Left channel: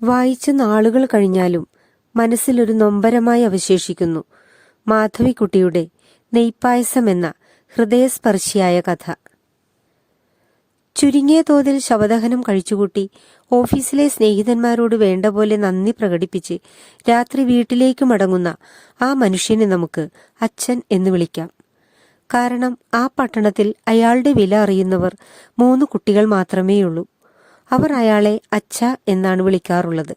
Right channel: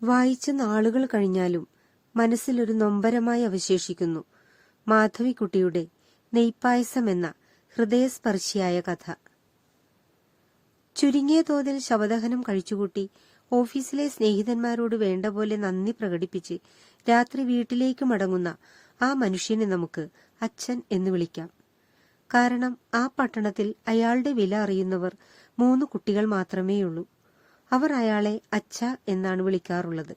വായിച്ച് നാളുകൾ കഴിഞ്ഞാലും മനസ്സിലൊരു നൊമ്പരമായി അവശേഷിക്കുന്നു മാധവിക്കുട്ടിയുടെ നെയ്പായസം എന്ന ഹൃദയസ്പർശിയായ കഥ. ചുരുങ്ങിയ തോതിൽ ശവദഹനം കഴിച്ചുകൂട്ടി ഓഫീസിലെ സ്നേഹിതന്മാരോട് വേണ്ട പോലെ നന്ദി പ്രകടിപ്പിച്ച് രാത്രി വീട്ടിലേക്ക് മടങ്ങുന്ന ആ മനുഷ്യനെ നമുക്ക് അച്ഛൻ എന്ന് വിളിക്കാം. കാരണം ആ പട്ടണത്തിൽ അയാളുടെ വില അറിയുന്നവർ 3 കുട്ടികൾ മാത്രമേയുള്ളൂ. അവർ അയാളെ അച്ഛ എന്നാണ് വിളിക്കാറുള്ളത്.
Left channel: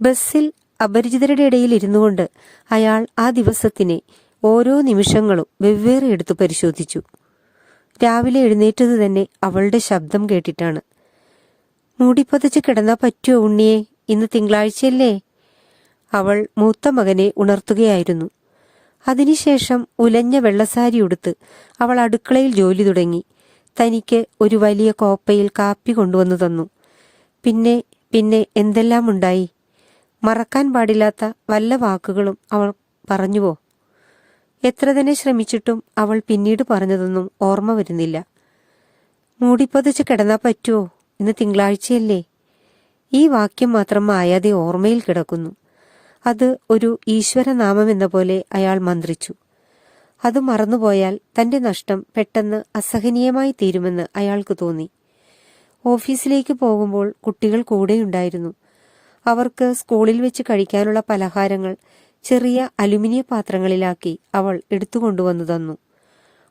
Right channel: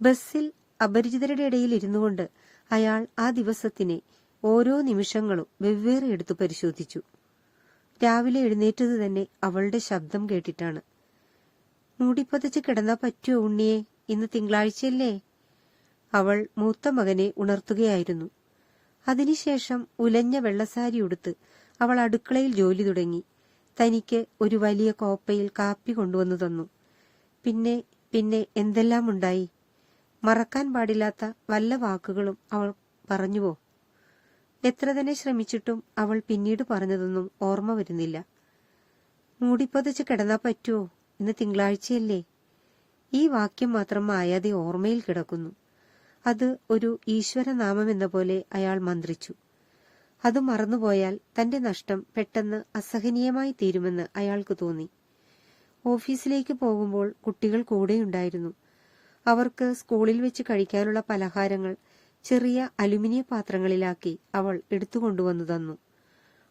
ബസ്സിൽ അപരിചിതരുടെ ഇടയിൽ ഇരുന്നുകൊണ്ട് അയാൾ ആ ദിവസത്തിനെ ഓരോ നിമിഷങ്ങളും വെവ്വേറെ എടുത്തു പരിശോധിച്ചു. രാവിലെ എഴുന്നേറ്റത് തന്നെ അവളുടെ ശബ്ദം കേട്ടിട്ടാണ്. മൂടിപ്പതച്ച് കിടന്നാ പറ്റുമോ ഉണ്ണിയെ, ഇന്ന് തിങ്കളാഴ്ചയല്ലേ? അവൾ മൂത്ത മകനെ ഉണർത്തുകയായിരുന്നു. അതിനുശേഷം ഉലഞ്ഞ വെള്ളസാരി ഉടുത്ത് അവൾ അടുക്കളയിൽ ജോലി തുടങ്ങി. തനിക്ക് ഒരു വലിയ കോപ്പയിൽ കാപ്പി കൊണ്ടുവന്നു തന്നു. പിന്നെ പിന്നെ എന്തെല്ലാം ഉണ്ടായി. മറക്കാൻ പാടില്ലാത്ത വല്ല വാക്കുകളും അവൾ പറഞ്ഞുവോ? എത്ര തന്നെ ശ്രമിച്ചിട്ടും അവൾ പിന്നീട് പറഞ്ഞതൊന്നും ഓർമ്മ വരുന്നില്ല. മൂടിപ്പൊതിച്ച് കിടന്നാ പറ്റുമോ, ഇന്ന് തിങ്കളാഴ്ചയല്ലേ? ഈ വാക്യം മാത്രം മായാതെ ഓർമ്മയിൽ കിടക്കുന്നു. അത് ഒരു ഈശ്വരനാമമെന്ന പോലെ അയാൾ മന്ത്രിച്ചു. അത് മറന്നുപോയാൽ തന്റെ നഷ്ടം പെട്ടെന്ന് അസഹനീയമായി തീരുമെന്ന് അയാൾക്ക് തോന്നി. ഓഫീസിലേക്ക് പോകുമ്പോൾ കുട്ടികൾ കൂടെയുണ്ടായിരുന്നു. അവർക്ക് സ്കൂളിൽ വെച്ച് കഴിക്കാനുള്ള പലഹാരങ്ങൾ ചെറിയ അലുമിനിയ പാത്രങ്ങളിലാക്കി അവൾ എടുത്തുകൊണ്ടുവന്നു തന്നു.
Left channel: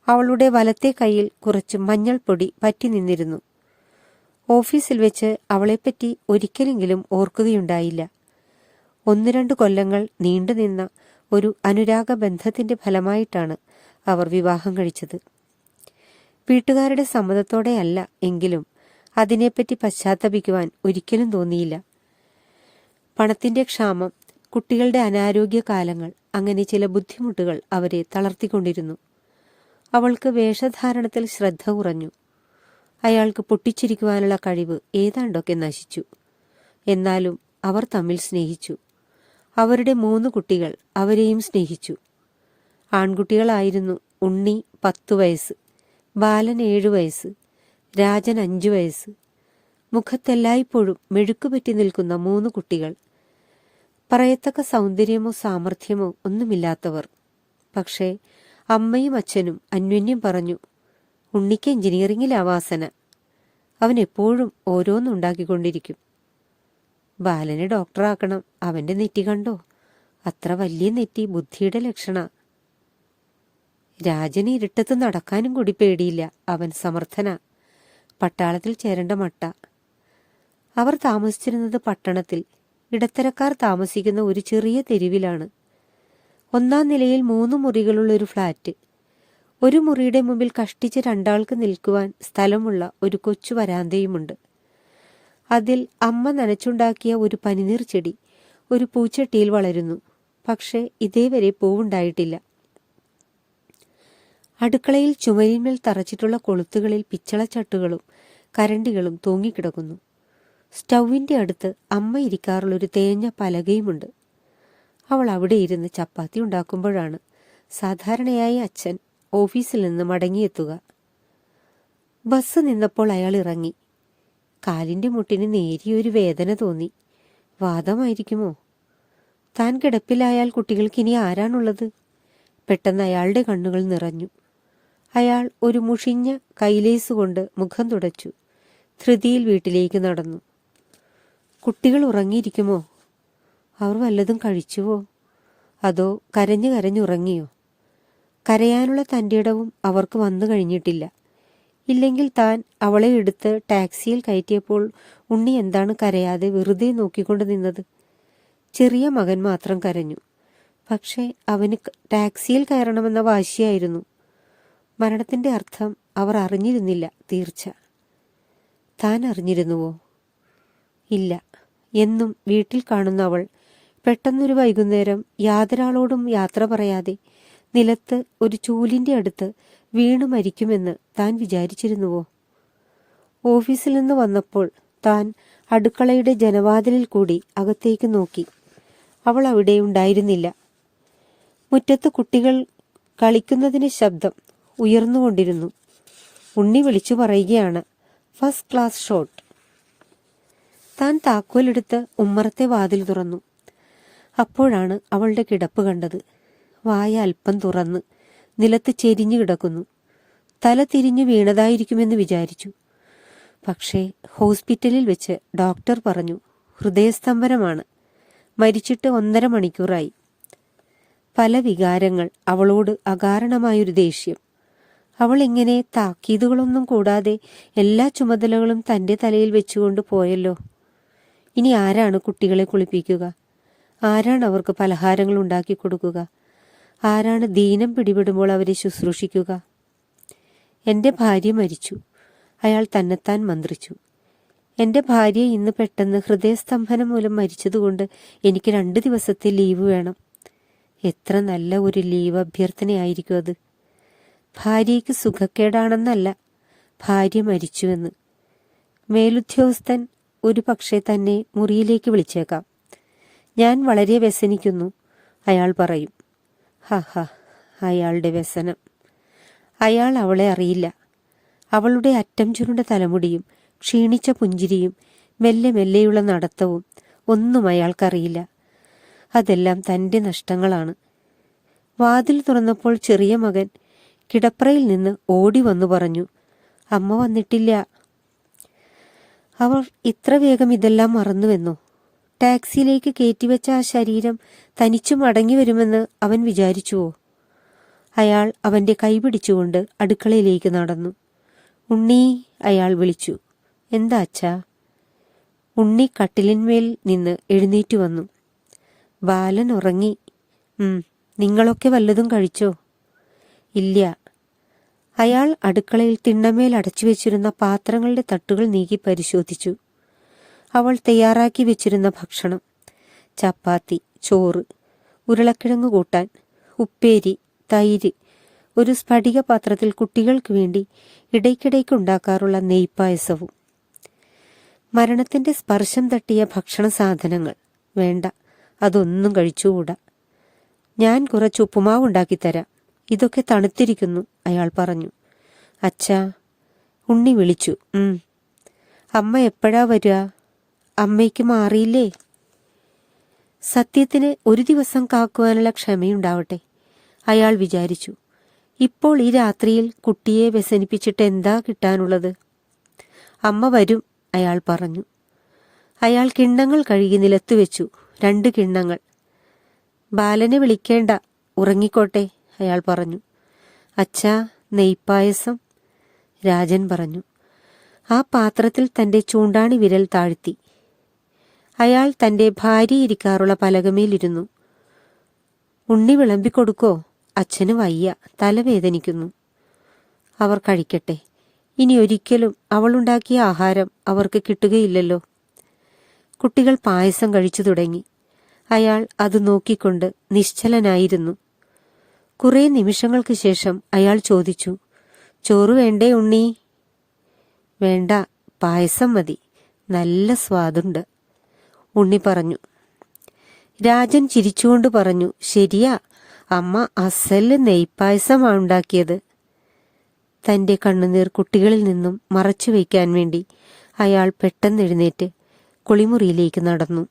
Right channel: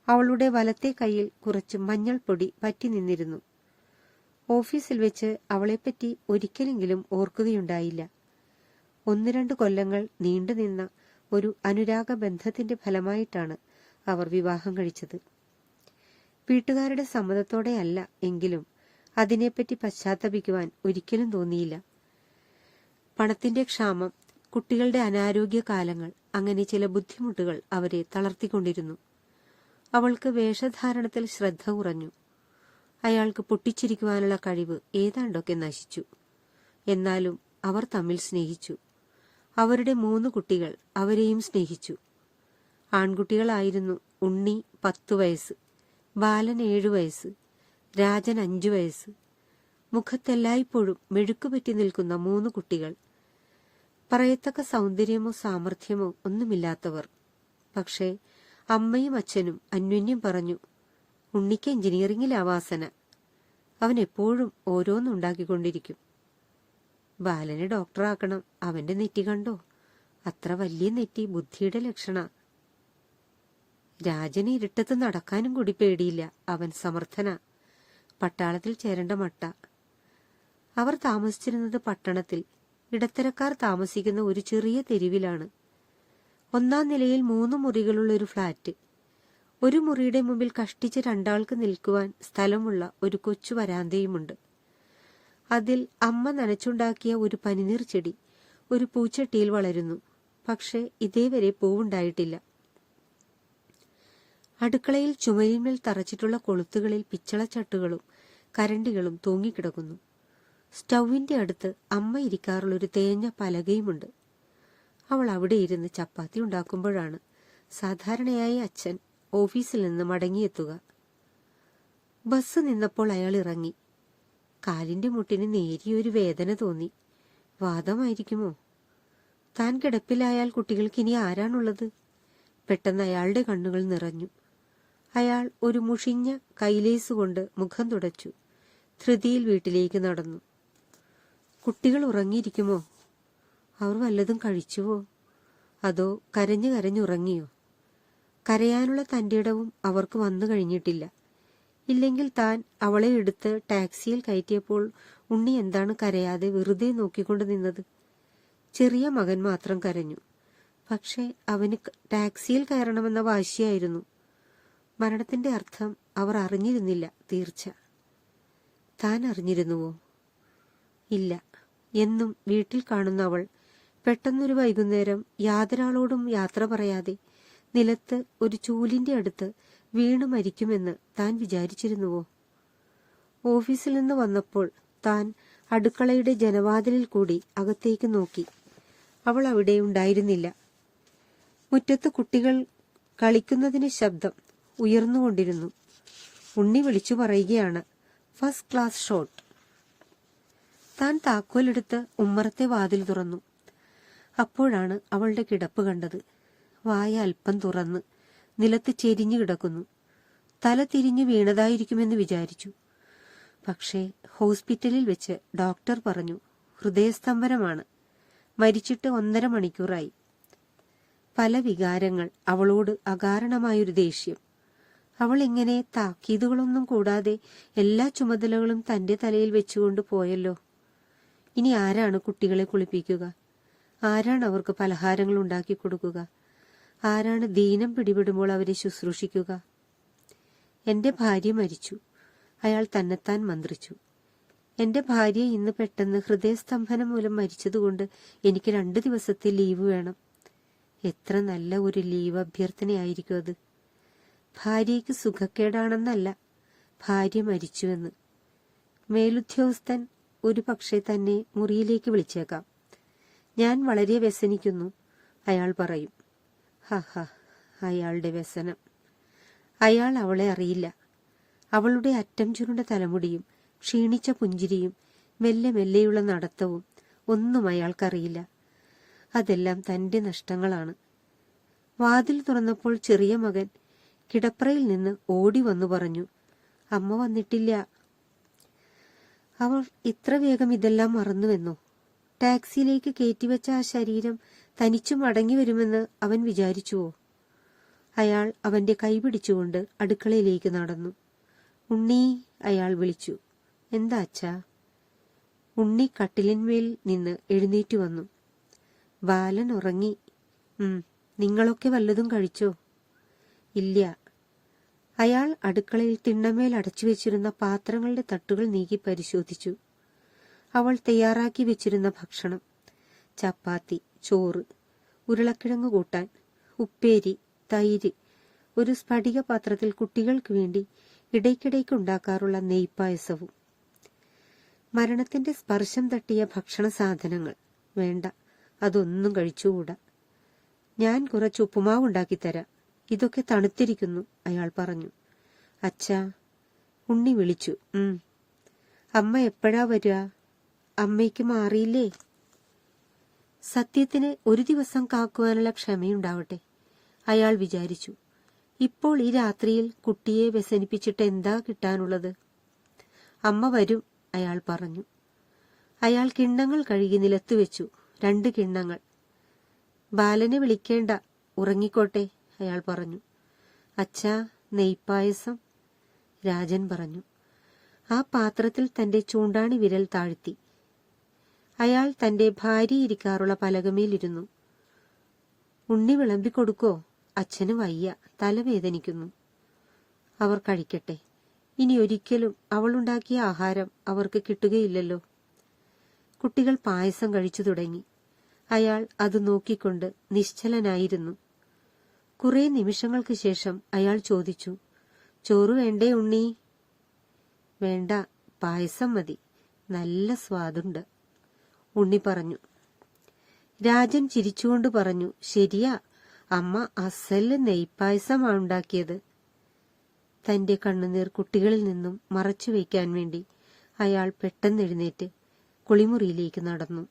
അവളുടെ വലത്തെ കൈയിൽ കുറച്ച് മഞ്ഞൾപ്പൊടി പറ്റി നിന്നിരുന്നു. ഓഫീസിൽ വെച്ച് അവളെപ്പറ്റി ഒരിക്കലെങ്കിലും ഓർക്കുകയുണ്ടായില്ല. 1-2 കൊല്ലങ്ങൾ നീണ്ടുനിന്ന ഒരു അനുരാഗ ബന്ധത്തിന്റെ ഫലമായിട്ടാണ് അവർ വിവാഹം കഴിച്ചത്. വീട്ടുകാരുടെ സമ്മതത്തോടെയല്ല എങ്കിലും അതിനെപ്പറ്റി പശ്ചാത്തപിക്കുവാൻ ഒരിക്കലും തോന്നിയില്ല. പണത്തിന്റെ ക്ഷാമം, കുട്ടികളുടെ അനാരോഗ്യ കാലങ്ങൾ, അങ്ങനെ ചില ബുദ്ധിമുട്ടുകൾ അവരെ തളർത്തിക്കൊണ്ടിരുന്നു. അവൾക്ക് വേഷധാരണത്തിൽ ശ്രദ്ധ കുറഞ്ഞു. അയാൾക്ക് പൊട്ടിച്ചിരിക്കുവാനുള്ള കഴിവ് ഏതാണ്ടൊക്കെ നശിച്ചു. എന്നാലും അവർ തമ്മിൽ സ്നേഹിച്ചു. അവരുടെ 3 കുട്ടികൾ അവരെയും സ്നേഹിച്ചു. ആൺകുട്ടികളായിരുന്നു. ഉണ്ണി 10 വയസ്സ്, ബാലൻ 7 വയസ്സ്, രാജൻ 5 വയസ്സ്. മുഖത്തെല്ലായ്പ്പോഴും മെഴുക്കുപറ്റി നിൽക്കുന്ന 3 കുട്ടികൾ. പറയത്തക്ക സൗന്ദര്യമോ സാമർഥ്യമോ ഒന്നുമില്ലാത്തവർ. പക്ഷേ അമ്മയും അച്ഛനും അന്യോന്യം പറഞ്ഞു, ഉണ്ണിക്ക് എഞ്ചിനീയറിംഗിലാ വാസന. അവൻ എപ്പോഴും ഓരോന്നുണ്ടാക്കിക്കൊണ്ടിരിക്കും. ബാലനെ ഡോക്ടറാക്കണം. അവന്റെ നെറ്റി കണ്ടോ, അത്ര വലിയ നെറ്റി ബുദ്ധിയുടെ ലക്ഷണ. രാജന് ഇരുട്ടത്ത് നടക്കാനും കൂടി പേടിയില്ല. അവൻ സമർത്ഥന. പട്ടാളത്തിൽ ചേരേണ്ട മട്ട. അവർ താമസിച്ചിരുന്നത് പട്ടണത്തിൽ ഇടത്തരക്കാർ താമസിക്കുന്ന ഒരു ചെറിയ തെരുവിലാണ്. 1-ാം നിലയിൽ 3 മുറികളുള്ള ഒരു ഫ്ളാറ്റ്. ഒരു മുറിയുടെ മുമ്പിൽ കഷ്ടിച്ച് 2 ആൾക്ക് നിൽക്കുവാൻ സ്ഥലമുള്ള ഒരു കൊച്ചു വരാന്തയുമുണ്ട്. അതിൽ അമ്മ നനച്ചുണ്ടാക്കിയ ഒരു പനിനീർ ചെടി ഒരു പൂച്ചട്ടിയിൽ വളരുന്നു. പക്ഷേ ഇതേവരെ പൂവുണ്ടായിട്ടില്ല. അടുക്കളയിൽ ചുമരിന്മേൽ തറച്ചിട്ടുള്ള കൊളുത്തുകളിൽ പിച്ചളച്ചട്ടുകളും കരണ്ടികളും തൂങ്ങിക്കിടക്കുന്നു. സ്റ്റൗവിന്റെ അടുത്ത് അമ്മ ഇരിക്കാറുള്ളൊരു തേഞ്ഞ പലകയുമുണ്ട്. അവൾ അവിടെ ഇരുന്ന് ചപ്പാത്തി ഉണ്ടാക്കുമ്പോഴാണ് സാധാരണയായി അച്ഛൻ ഓഫീസിൽ നിന്ന് മടങ്ങിയെത്തുക. ബസ് നിന്നപ്പോൾ അയാൾ ഇറങ്ങി. കാലിന്റെ മുട്ടിന് നേരിയൊരു വേദന തോന്നി. വാദമായിരിക്കുമോ? താൻ കിടപ്പിലായാൽ കുട്ടികൾക്ക് ഇനി ആരാണുള്ളത്? പെട്ടെന്ന് അയാളുടെ കണ്ണുകൾ നിറഞ്ഞു. അയാൾ ഒരു മുഷിഞ്ഞ കൈലേസ് കൊണ്ട് മുഖം തുടച്ചു. ധൃതിയിൽ വീട്ടിലേക്ക് നടന്നു. കുട്ടികൾ ഉറങ്ങിയിരിക്കുമോ? അവർ വല്ലതും കഴിച്ചുവോ? അതോ കരഞ്ഞു കരഞ്ഞുറങ്ങിയോ? കരയാനുള്ള തന്റെ ഇടവും അവർക്ക് വന്നു കഴിഞ്ഞിട്ടില്ല. ഇല്ലെങ്കിൽ താൻ അവളെ എടുത്ത് ടാക്സിയിൽ കയറ്റിയപ്പോൾ ഉണ്ണി എന്താണ് കരയാതെ വെറുതെ നോക്കിക്കൊണ്ട് നിന്നത്? ചെറിയ മകൻ മാത്രം കരഞ്ഞു. പക്ഷേ അവന് ടാക്സിയിൽ കയറണമെന്ന വാശിയായിരുന്നു. മരണത്തിന്റെ അർത്ഥം അവർ അറിഞ്ഞിരുന്നില്ല, തീർച്ച. താൻ അറിഞ്ഞിരുന്നുവോ? ഇല്ല. എന്നും വീട്ടിൽ കാണുന്ന അവൾ പെട്ടെന്നൊരു വൈകുന്നേരം യാതൊരാളോടും യാത്ര പറയാതെ നിലത്ത് ഒരു ചൂലിന്റെ അടുത്ത് വീണു മരിക്കുമെന്ന് താൻ വിചാരിച്ചിരുന്നുവോ? ഓഫീസിൽ നിന്ന് വന്നപ്പോൾ താൻ അടുക്കളയുടെ ജനവാതിലിൽ കൂടി അകത്തേക്ക് നോക്കി. അവൾ അവിടെ ഉണ്ടായിരുന്നില്ല. മുറ്റത്ത് കുട്ടികൾ കളിക്കുന്നതിന് ശബ്ദം ഉയർന്നുകൊണ്ടിരുന്നു. ഉണ്ണി വിളിച്ചു പറയുകയാണ്, ഫസ്റ്റ് ക്ലാസ് ഷോട്ട്. താൻ താക്കോലെടുത്ത് ഉമ്മറത്തെ വാതിൽ തുറന്നു. അപ്പോഴാണ് അവളുടെ കിടപ്പ് കണ്ടത്. വായ അല്പം തുറന്ന് നിലത്ത് ചെരിഞ്ഞു കിടക്കുന്നു. തല തിരിഞ്ഞു വീണതായിരിക്കുമെന്ന് വിചാരിച്ചു. പക്ഷേ ഹോസ്പിറ്റലിൽ വെച്ച് ഡോക്ടർ പറഞ്ഞു, ഹൃദയസ്തംഭനമാണ്. മരിച്ചിട്ട് 1.5 മണിക്കൂറായി. പല വികാരങ്ങൾ, അവളോട് അകാരണമായൊരു ദേഷ്യം. അവൾ ഇങ്ങനെ താക്കീതുകളൊന്നും കൂടാതെ എല്ലാ ചുമതലകളും തന്റെ തലയിൽ വെച്ചുകൊണ്ട് പോയല്ലോ. ഇനി ആരാണ് കുട്ടികളെ കുളിപ്പിക്കുക? ആരാണ് അവർക്ക് പലഹാരങ്ങൾ ഉണ്ടാക്കി കൊടുക്കുക? ആരാണ് ദീനം പിടിപെടുമ്പോൾ അവരെ ശുശ്രൂഷിക്കുക? എന്റെ ഭാര്യ മരിച്ചു, അയാൾ തന്നെത്താൻ മന്ത്രിച്ചു. എന്റെ ഭാര്യ ഇന്ന് പെട്ടെന്ന് ഹൃദയസ്തംഭനം മൂലം മരിച്ചതുകൊണ്ട് എനിക്ക് 2 ദിവസത്തെ ലീവ് വേണം. എത്ര നല്ല ഒരു ലീവ് അഭ്യർത്ഥനയായിരിക്കും അത്. ഭാര്യയ്ക്ക് സുഖക്കേടാണെന്നല്ല, ഭാര്യ മരിച്ചുവെന്ന്. മേലുദ്യോഗസ്ഥൻ ഒരു പക്ഷേ തന്നെ മുറിയിലേക്ക് വിളിച്ചേക്കാം. ഞാൻ വളരെ വ്യസനിക്കുന്നു, അയാൾ പറയും. ഹ, അയാളുടെ വ്യസനം. അയാൾ അവളെ അറിയില്ല. അവളുടെ അറ്റം ചുരുണ്ട തലമുടിയും ക്ഷീണിച്ച പുഞ്ചിരിയും മെല്ലെ മെല്ലെയുള്ള നടത്തവും ഒന്നും അയാൾക്കറിയില്ല. അതെല്ലാം തന്റെ നഷ്ടങ്ങളാണ്. വാതിൽ തുറന്നപ്പോൾ ചെറിയ മകൻ കിടപ്പറയിൽ നിന്ന് ഓടി വന്നു പറഞ്ഞു, അമ്മ വന്നിട്ടില്ല. അവർ ഇത്ര വേഗം ഇതെല്ലാം മറന്നുവെന്നോ? ടാക്സിയിലേക്ക് കയറ്റിവെച്ച ആ ശരീരം തനിച്ചു മടങ്ങി വരുമെന്ന് അവൻ വിചാരിച്ചുവോ? അയാൾ അവന്റെ കൈ പിടിച്ചുകൊണ്ട് അടുക്കളയിലേക്ക് നടന്നു. ഉണ്ണി, അയാൾ വിളിച്ചു. എന്താ അച്ഛാ? ഉണ്ണി കട്ടിലിന്മേൽ നിന്ന് എഴുന്നേറ്റു വന്നു. ബാലൻ ഉറങ്ങി. നിങ്ങളൊക്കെ വല്ലതും കഴിച്ചോ? ഇല്ല. അയാൾ അടുക്കളയിൽ തിണ്ണമേൽ അടച്ചു വെച്ചിരുന്ന പാത്രങ്ങളുടെ തട്ടുകൾ നീക്കി പരിശോധിച്ചു. അവൾ തയ്യാറാക്കി വെച്ചിരുന്ന ഭക്ഷണം: ചപ്പാത്തി, ചോറ്, ഉരുളക്കിഴങ്ങ് കൂട്ടാൻ, ഉപ്പേരി, തൈര്, ഒരു സ്ഫടിക പാത്രത്തിൽ കുട്ടികൾക്ക് വേണ്ടി ഇടയ്ക്കിടയ്ക്ക് ഉണ്ടാക്കാറുള്ള നെയ്പായസവും. മരണത്തിന്റെ സ്പർശം തട്ടിയ ഭക്ഷണ സാധനങ്ങൾ വേണ്ട, അതൊന്നും കഴിച്ചുകൂടാ. ഞാൻ കുറച്ച് ഉപ്പുമാവ് ഉണ്ടാക്കിത്തരാം, ഇതൊക്കെ തണുത്തിരിക്കുന്നു, അയാൾ പറഞ്ഞു. അച്ഛാ, ഉണ്ണി വിളിച്ചു. അമ്മ എപ്പോഴാ വരിക? അമ്മയ്ക്ക് മാറിയില്ലേ? സത്യത്തിന് ഒരു ദിവസം കാക്കുവാനുള്ള ക്ഷമയുണ്ടാവട്ടെ, അയാൾ വിചാരിച്ചു. ഇപ്പോൾ ഈ രാത്രിയിൽ കുട്ടിയെ വ്യസനിപ്പിച്ചിട്ട് എന്താ കിട്ടാനുള്ളത്? അമ്മ വരും, അയാൾ പറഞ്ഞു. അയാൾ കിണ്ണങ്ങൾ കഴുകി നിലത്തു വെച്ചു. 2 കിണ്ണങ്ങൾ. ബാലനെ വിളിക്കേണ്ട, ഉറങ്ങിക്കോട്ടെ, അയാൾ പറഞ്ഞു. അച്ഛാ, നെയ്പായസം, രാജൻ പറഞ്ഞു. ആ പാത്രത്തിൽ തന്റെ ചൂണ്ടാണി വിരൽ താഴ്ത്തി. അയാൾ തന്റെ ഭാര്യ ഇരിക്കാറുള്ള പലകമേലിരുന്നു. ഉണ്ണി വിളമ്പിക്കൊടുക്കോ? അച്ഛന് വയ്യ, തലവേദനിക്കുന്നു. അവർ കഴിക്കട്ടെ. ഇനി ഒരിക്കലും അവളുണ്ടാക്കിയ ആഹാരം അവർക്ക് കിട്ടുകയില്ലല്ലോ. കുട്ടികൾ പായസം കഴിച്ചു തുടങ്ങി. അയാൾ അത് നോക്കിക്കൊണ്ട് നിശ്ചലനായിരുന്നു. കുറെ നിമിഷങ്ങൾക്ക് ശേഷം അയാൾ ചോദിച്ചു, ചോറ് വേണ്ടേ ഉണ്ണി? വേണ്ട, പായസം മതി, നല്ല സ്വാദുണ്ട്, ഉണ്ണി പറഞ്ഞു. രാജൻ ചിരിച്ചുകൊണ്ട് പറഞ്ഞു, ശരിയാ, അമ്മ അസല് നെയ്പായസമാണ് ഉണ്ടാക്കിയത്. തന്റെ കണ്ണുനീർ കുട്ടികളിൽ നിന്നും മറച്ചു വയ്ക്കാൻ വേണ്ടി അയാൾ പെട്ടെന്ന് എഴുന്നേറ്റ് കുളിമുറിയിലേക്ക് നടന്നു.